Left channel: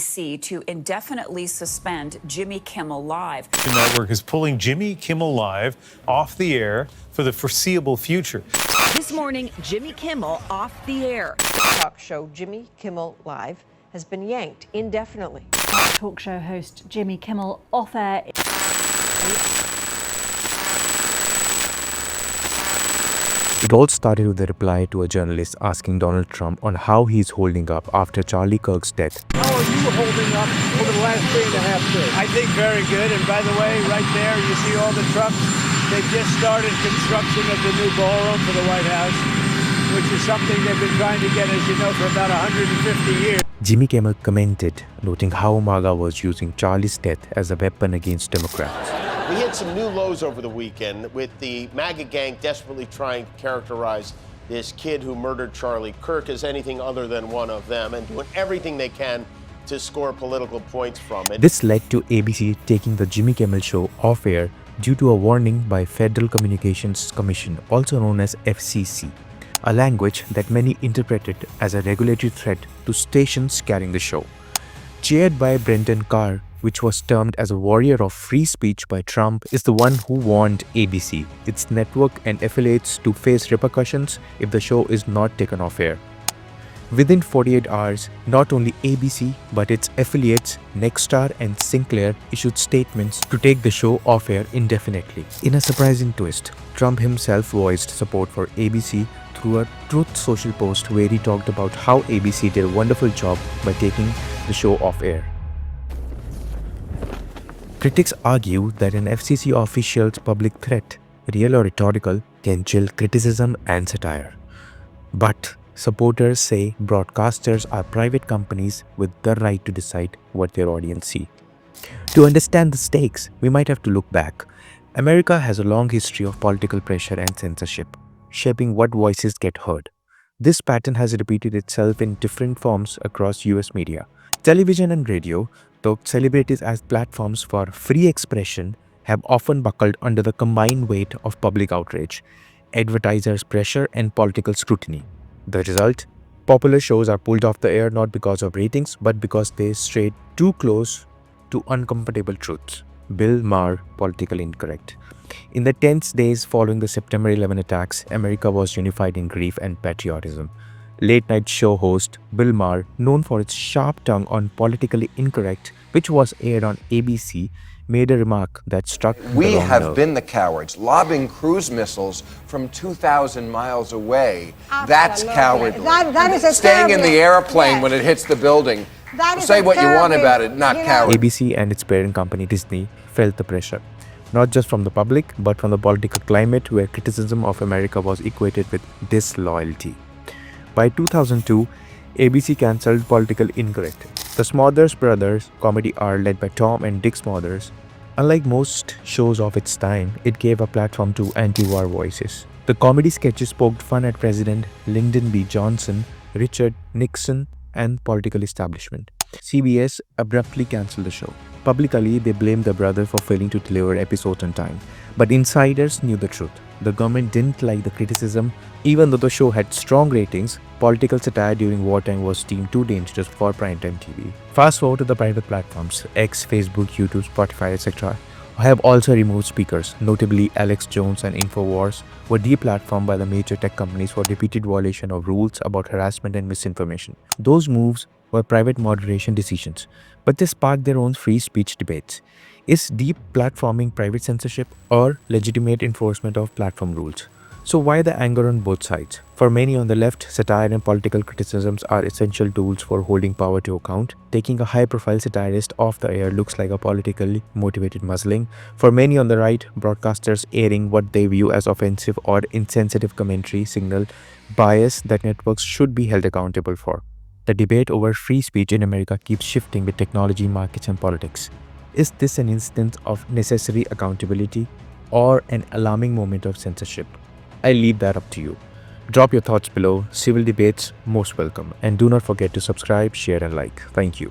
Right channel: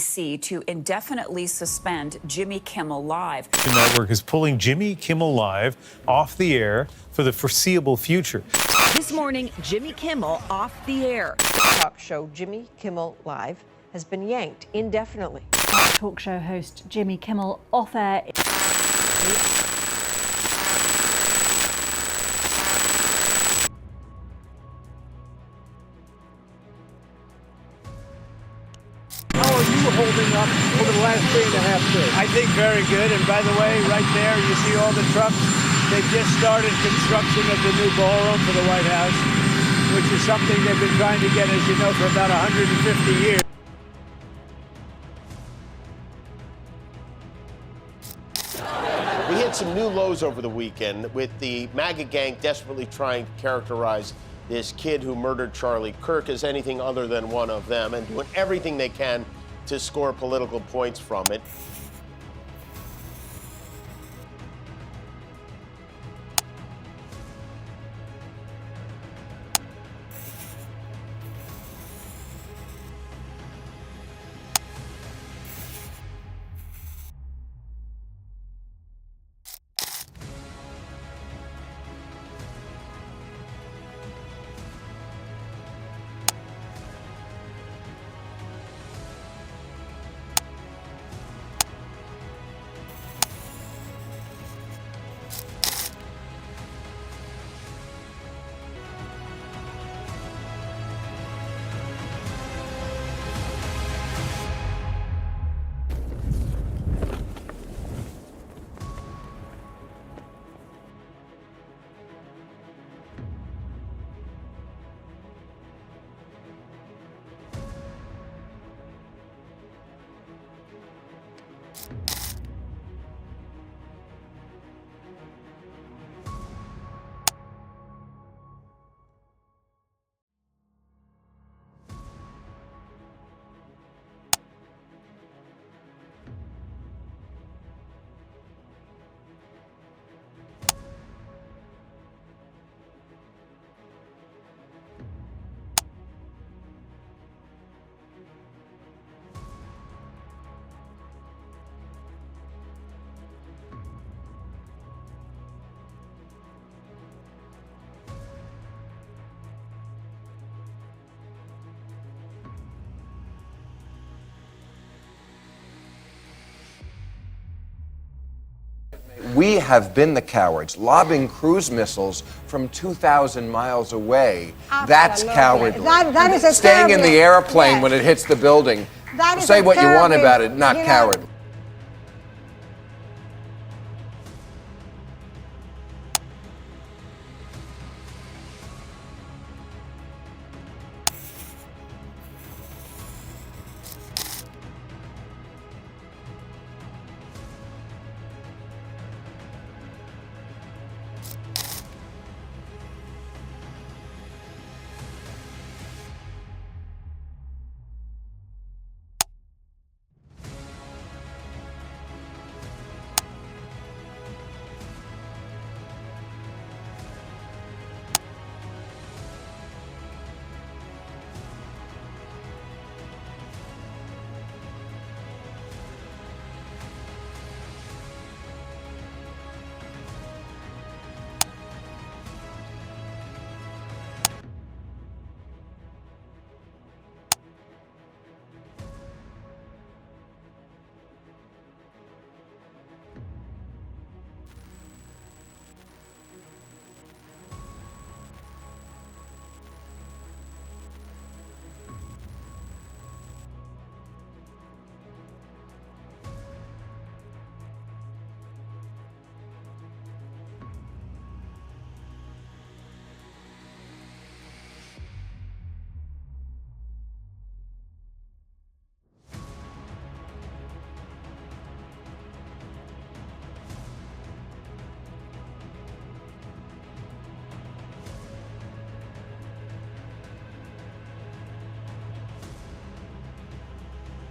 ABC to indefinitely suspend Jimmy Kimmel Live. The network is pulling Jimmy Kimmel Live off the air for the foreseeable future. This morning, Jimmy Kimmel off the air. Talk show Jimmy Kimmel Live has been yanked indefinitely. Talk show host Jimmy Kimmel off air. It all started with a reply to a journalist asking Donald Trump on how he's holding up after Charlie Kirk's death. How are you holding up over the last 3.5 days? I think very good. And by the way, right there, you see all the trucks. They've just started construction of the new ballroom for the White House, which is something they've been trying to get, as you know, for about 150 years. Jimmy Kimmel commented, noting how MAGA was using Charlie's death as a weapon against Democrats. We hit some new lows over the weekend with the MAGA gang desperately trying to characterize this kid who murdered Charlie Kirk as anything other than one of them and doing everything they can to score political points from it. This led to ABC taking the Jimmy Kimmel show off air due to a warning by Federal Communications Commission, also known as FCC, a language that many interpreted as a regulatory threat to stations carrying the show. Chaired by Brendan Carr, which was termed as a warrior of free speech by Trump, is the one who warned ABC, its network and affiliates to face repercussions if the show is not taken off air. Within 48 hours, not only ABC but its affiliates Nexstar and Sinclair issued statements to take the show off air indefinitely. In a surprising twist, Trump himself voiced support for ABC through a Truth Social post where he talked about how ABC did a wonderful job by taking the show off air. Critics argue that an FCC official's public threat, real or rhetorical, can chill criticism and satire. But supporters say broadcasters are private companies with the right to decide what their audience see. To understand the stakes, we might have to look back. America has a long history of political pressure and censorship, shaping what voices get heard. This pattern has repeated itself in different forms across US media. Television and radio, though celebrities as platforms for free expression, have often buckled under the combined weight of public outrage, advertisers' pressure, and political scrutiny. The result? Popular shows are pulled off the air not because of ratings, but because they strayed too close to uncomfortable truths. Bill Maher, Politically Incorrect. In the tense days following the September 11 attacks, America was unified in grief and patriotism. Late-night show host Bill Maher, known for its sharp tongue on Politically Incorrect, which was aired on ABC, made a remark that struck. We have been the cowards, lobbing cruise missiles from 2,000 miles away. That's cowardly. That is a Staying in the airplane yes. when it hits the building. Say what you want about it, not coward. ABC and its parent company Disney felt the pressure, not just from the public, but from the political climate where criticism of America was equated with disloyalty. By 2002, ABC cancelled Politically Incorrect. The Smothers Brothers Comedy Hour, led by Tom and Dick Smothers. Unlike most shows of its time, it gave a platform to anti-war voices. The comedy sketches poked fun at President Lyndon B. Johnson, Richard Nixon, and political establishment. CBS abruptly cancelled the show. Publicly, they blamed the brothers for failing to deliver episodes on time. But insiders knew the truth. The government didn't like the criticism. Even though the show had strong ratings, political satire during wartime was deemed too dangerous for primetime TV. Fast forward to the private platforms, X, Facebook, YouTube, Spotify, etc. have also removed speakers. Notably, Alex Jones and InfoWars were deplatformed by the major tech companies for repeated violation of rules about harassment and misinformation. Those moves were private moderation decisions, but they sparked their own free speech debates. Is deplatforming private censorship or legitimate enforcement of platform rules? So why the anger on both sides? For many on the left, satire and political criticisms are essential tools for holding power to account. Taking a high-profile satirist off the air looks like a politically motivated muzzling. For many on the right, broadcasters airing what they view as offensive or insensitive commentary signal bias that networks should be held accountable for. The debate over free speech in America keeps shifting with technology, markets, and politics. Is this an instance of necessary accountability or an alarming moment of censorship? I leave that up to you. Drop your thoughts below. Civil debates most welcome. And do not forget to subscribe, share, and like. Thank you.